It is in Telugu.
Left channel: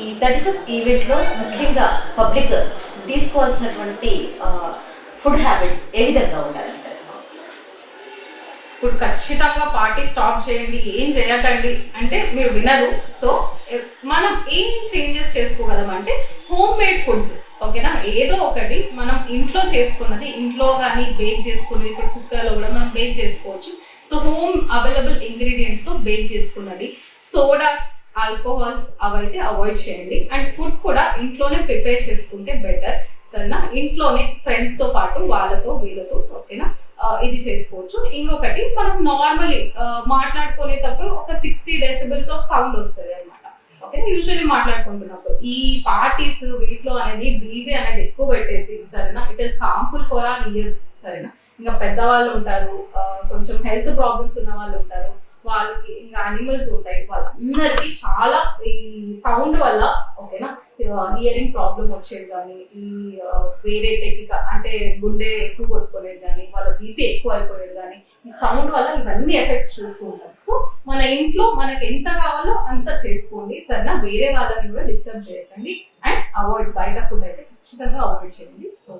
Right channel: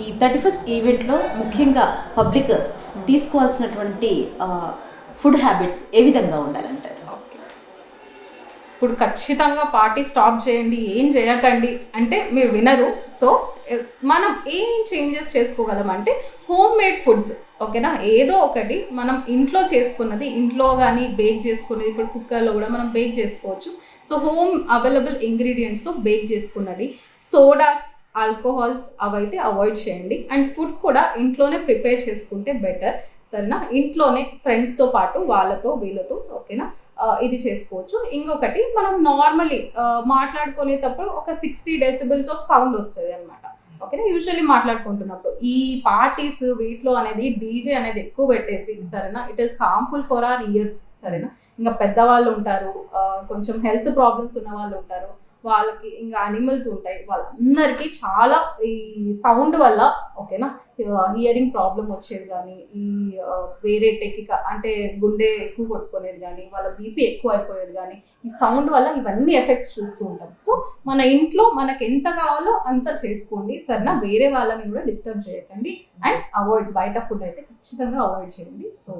ఈ 31st ఈవెంట్లో ముఖ్యంగా పబ్లిక్ తీసుకోవాల్సినటువంటి ఫుడ్ హ్యాబిట్స్ ఏ విధంగా ఉండాలంటారు? ఇప్పుడు ఖచ్చితంగా పార్టీ స్టాప్ చేయండి, ఏం చేయకండి అంటే మీరు వినరు. సో మనం ఏం చేంజెస్ చేసుకోగలం అంటే హోమ్ మేడ్ ఫుడ్స్, ఓకేనా? ఏదో ఒకటి మనం ఇంట్లో చేసుకున్నది, ఇంట్లో కానీ బేక్ చేసుకున్నది, ఇప్పుడు కుక్కర్లో కూడా మనం బేక్ చేసుకోవచ్చు. So home available ingredients bake చేసుకున్నది, సోడాస్, ఆల్కహాల్స్ అవైతే అవాయిడ్ చేయండి. అండ్ ఫుడ్ కూడా ఇంట్లోనే ప్రిపేర్ చేసుకుంటే బెటర్, సరేనా? ఇంట్లోనే ఫ్రెండ్స్తో పాటు వాళ్ళతో వీళ్ళతో, ఓకేనా? ఇది చేసుకోవచ్చు. ఇంకొకటి, మనం నార్మల్లీ మాట్లాడుకునేటప్పుడు ఒక 60 decibels ఆఫ్ సౌండ్ వస్తుంది అనమాట, ఓకేనా? యూజువల్లీ మాట్లాడుకుంటున్నప్పుడు ఈ పార్టీస్ వీటిలో అనేది డీజే అనేది ఎక్కువ పెట్టేసి, సరేనా, it is harmful for hour years, సరేనా? ఇంకా పెద్దవాళ్ళు ఉంటారు, కొంచెం హెల్త్ ప్రాబ్లమ్స్ ఉన్న వాళ్ళు ఉంటారు, వాళ్ళకి ఇంకా అనిమల్స్ ఉంటాయి, వాళ్ళందరికీ చాలా ఈ సౌండ్ వల్ల, ఓకేనా, హియరింగ్ ప్రాబ్లం వచ్చేది కానీ, ఈ వేరే అంటే గుండె ఎక్కువ కొట్టుకోలేదు కానీ, వాళ్ళ బీపీ ఎక్కువ అయిపోయేది కానీ, ఈ సౌండ్ వల్ల ఇవన్నీ ఎఫెక్ట్స్ చూస్తూ ఉంటాం. సో మన ఇంట్లో మనకి ఎంత కావాలో అంత చేసుకోండి, సరేనా? వేరే వాళ్ళని కూడా డిస్టర్బ్ చేయకండి. అండ్ అవాయిడ్, బయట ఫుడ్ అయితే ఖచ్చితంగా అవాయిడ్ చేయండి. సో